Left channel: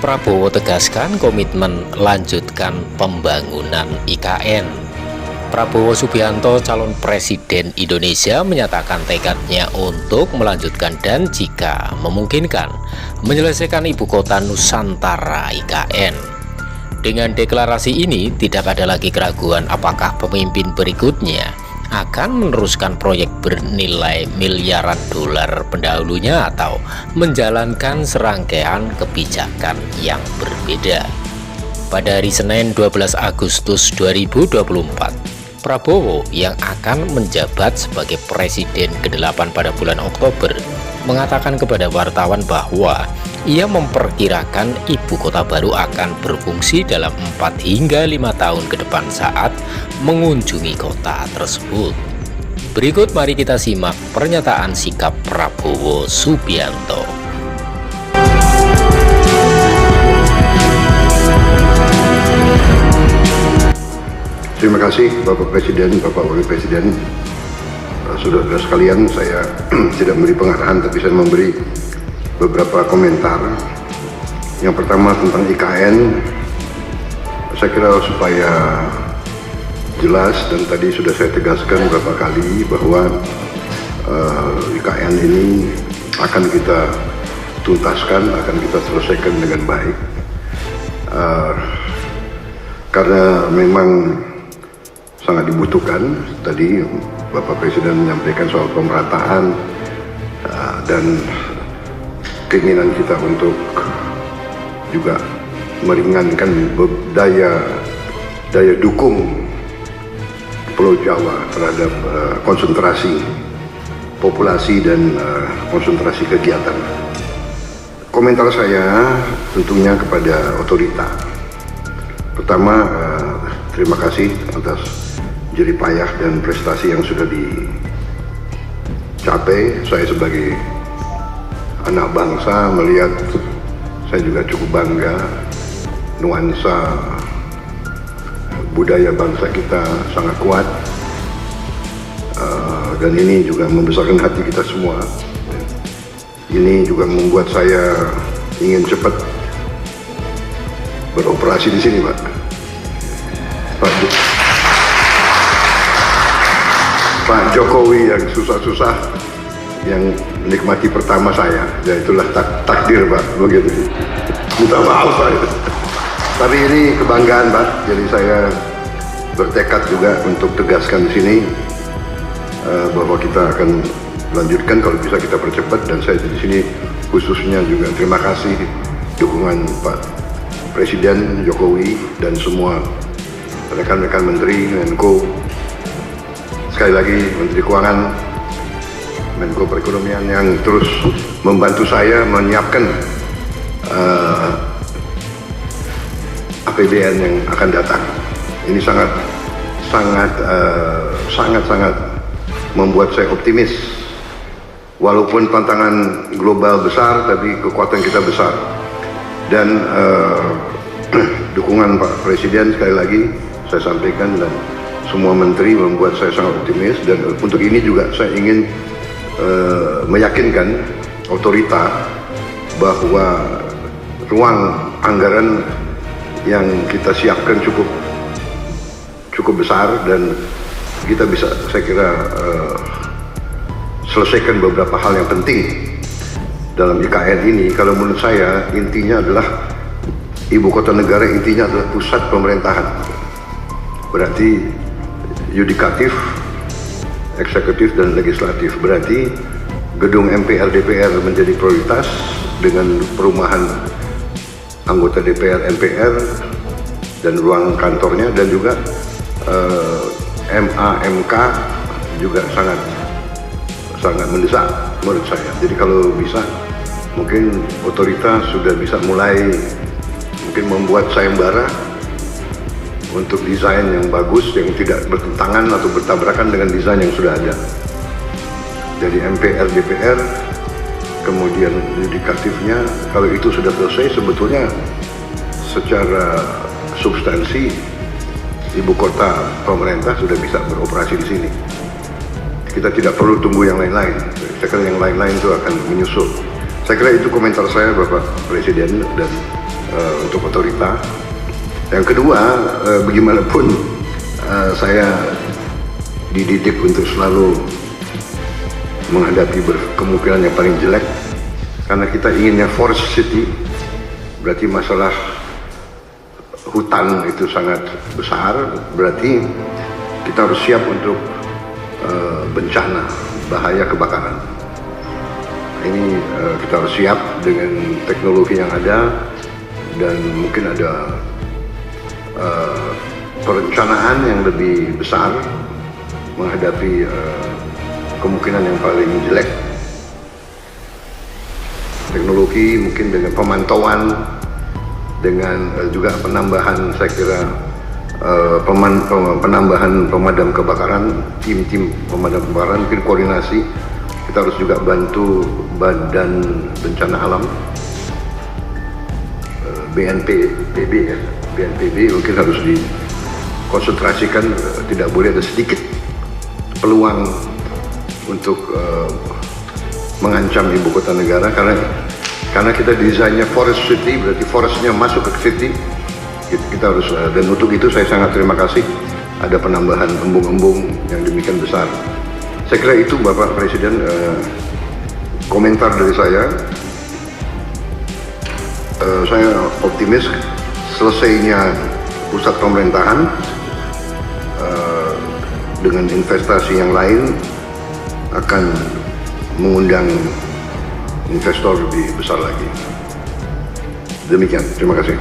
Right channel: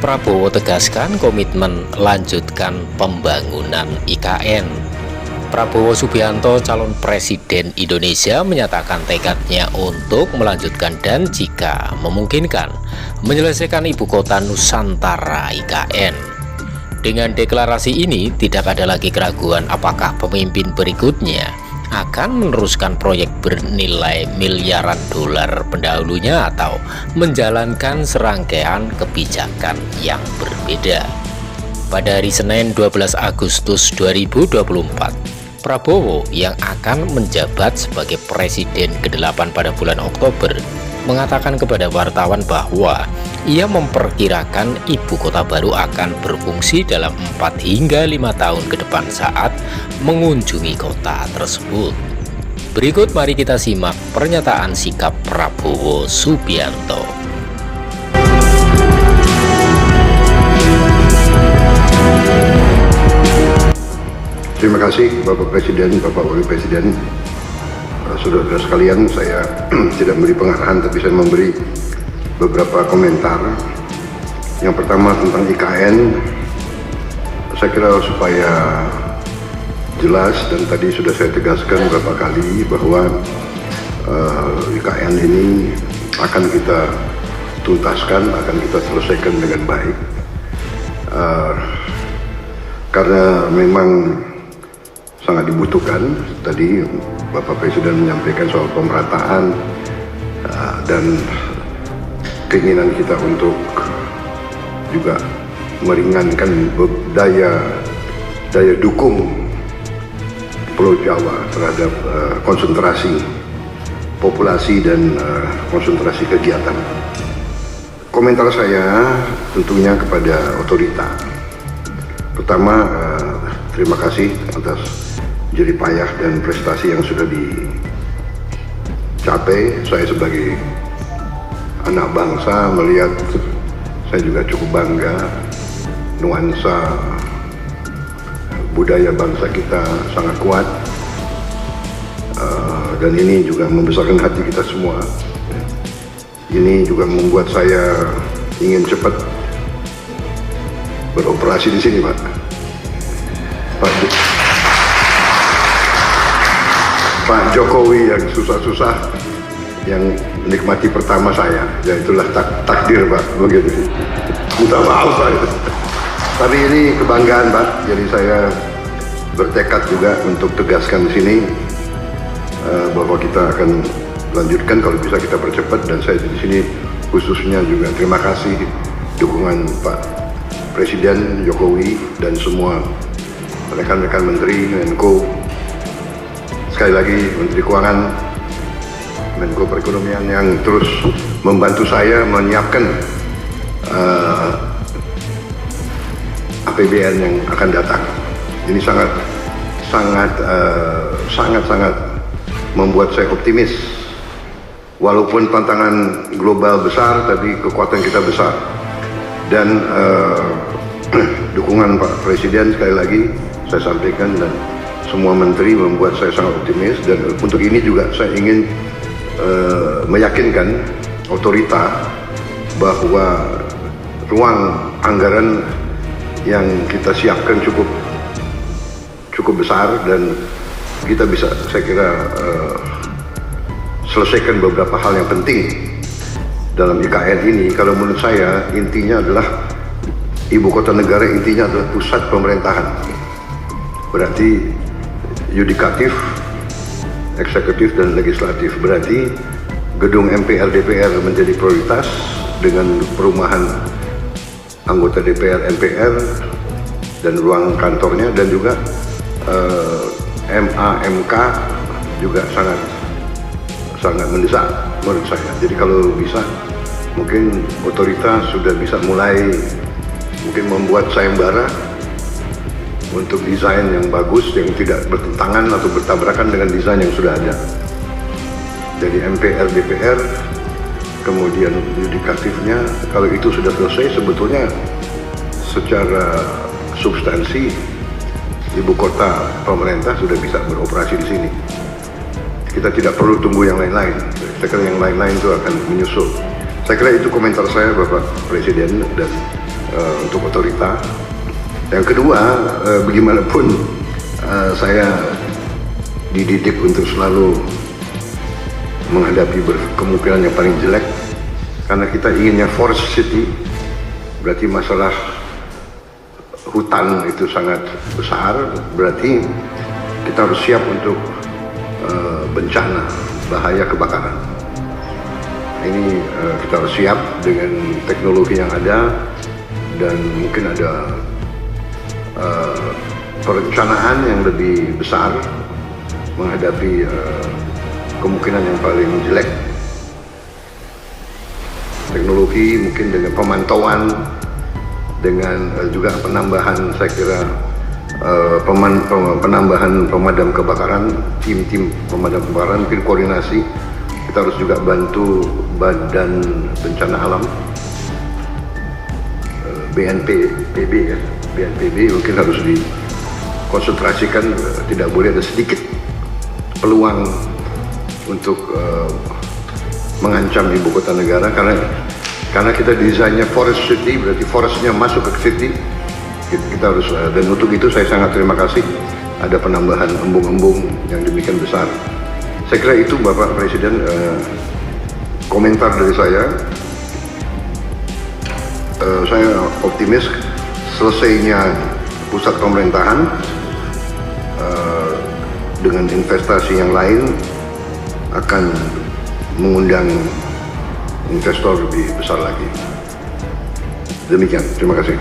Prabowo tegaskan komitmen lanjutkan pembangunan IKN. Prabowo Subianto, calon presiden Indonesia, menyatakan tekadnya untuk melanjutkan dan jika memungkinkan menyelesaikan ibu kota Nusantara IKN. Dengan deklarasi ini tidak ada lagi keraguan apakah pemimpin berikutnya akan meneruskan proyek bernilai miliaran dolar pendahulunya atau menjalankan serangkaian kebijakan yang berbeda. Pada hari Senin 12 Agustus 2024, Prabowo yang akan menjabat sebagai Presiden ke-8 pada bulan Oktober mengatakan kepada wartawan bahwa ia memperkirakan ibu kota baru akan berfungsi dalam 4 hingga 5 tahun ke depan saat mengunjungi kota tersebut. Berikut mari kita simak pernyataan sikap Prabowo Subianto. Terima kasih Bapak Presiden, Bapak Wakil Presiden. Saudara-saudara sekalian, saya tidak memberi pengarahan tapi saya memberi beberapa komentar. Yang pertama tentang IKN, saya kira supaya jelas dan tadi sudah saya tegaskan beberapa kali bahwa IKN ini akan kita tuntaskan, akan kita selesaikan dengan baik, karena memang sangat dibutuhkan. Tadi Bapak Presiden menyampaikan soal pemerataan dan keinginan kita untuk juga meringankan daya dukung Pulau Jawa terhadap konsentrasi populasi dan konsentrasi kegiatan. Komentar saya tentunya kepada otorita. Pertama, terima kasih atas jerih payah dan prestasi yang sudah dicapai. Saya sebagai anak bangsa melihat, saya juga cukup bangga nuansa budaya bangsa kita sangat kuat, dan ini juga membesarkan hati kita semua. Ini juga membuat saya ingin cepat beroperasi di sini, Pak. Pak Jokowi yang susah-susah yang menikmati pertama saya, ya itulah takdir, Pak, begitu. Minta maaf saya. Tapi ini kebanggaan, Pak. Jadi saya bertekad juga untuk tegaskan di sini bahwa kita akan lanjutkan, kalau bisa kita percepat, dan saya di sini khususnya juga terima kasih dukungan Pak Presiden Jokowi dan semua rekan-rekan Menteri, Menko, sekali lagi Menteri Keuangan, Menko Perekonomian yang terus membantu saya menyiapkan APBN yang akan datang. Ini sangat membuat saya optimis. Walaupun tantangan global besar, tapi kekuatan kita besar. Dan dukungan Pak Presiden sekali lagi saya sampaikan dan semua menteri membuat saya sangat optimis. Dan untuk ini juga saya ingin meyakinkan otorita bahwa ruang anggaran yang kita siapkan cukup besar dan kita bisa, saya kira, selesaikan beberapa hal yang penting dalam IKN ini. Kalau menurut saya intinya adalah ibu kota negara, intinya adalah pusat pemerintahan. Berarti yudikatif, eksekutif dan legislatif. Berarti gedung MPR DPR menjadi prioritas dengan perumahan anggota DPR MPR dan ruang kantornya, dan juga MA/MK juga sangat mendesak menurut saya. Jadi kalau bisa, mungkin otoritas sudah bisa mulai mungkin membuat sayembara untuk desain yang bagus, yang tidak bertentangan atau bertabrakan dengan desain yang sudah ada. Jadi MPR DPR, kemudian yudikatifnya, kalau itu sudah selesai, sebetulnya secara substansi ibu kota pemerintah sudah bisa beroperasi di sini. Kita tidak perlu tunggu yang lain-lain. Saya kira yang lain-lain itu akan menyusul. Saya kira itu komentar saya, Bapak Presiden, dan untuk otorita. Yang kedua, bagaimanapun saya dididik untuk selalu menghadapi kemungkinan yang paling jelek, karena kita inginnya forest city, berarti masalah hutan itu sangat besar, berarti kita harus siap untuk bencana, bahaya kebakaran. Ini kita harus siap dengan teknologi yang ada, dan mungkin ada perencanaan yang lebih besar menghadapi kemungkinan yang paling jelek. Teknologi mungkin dengan pemantauan, dengan juga penambahan, saya kira penambahan pemadam kebakaran, tim-tim pemadam kebakaran, mungkin koordinasi. Kita harus juga bantu Badan Bencana Alam, BNPB ya, BNPB mungkin harus dikonsentrasikan, tidak boleh ada sedikit peluang untuk mengancam ibu kota negara, karena kita desainnya forest city, berarti forestnya masuk ke city. Kita harus, dan untuk itu saya sangat terima kasih ada penambahan embung-embung yang demikian besar. Saya kira itu Bapak Presiden, komentar dari saya. Saya optimis selesainya pusat pemerintahan dengan investasi yang lain akan mengundang investor lebih besar lagi. Demikian, terima kasih.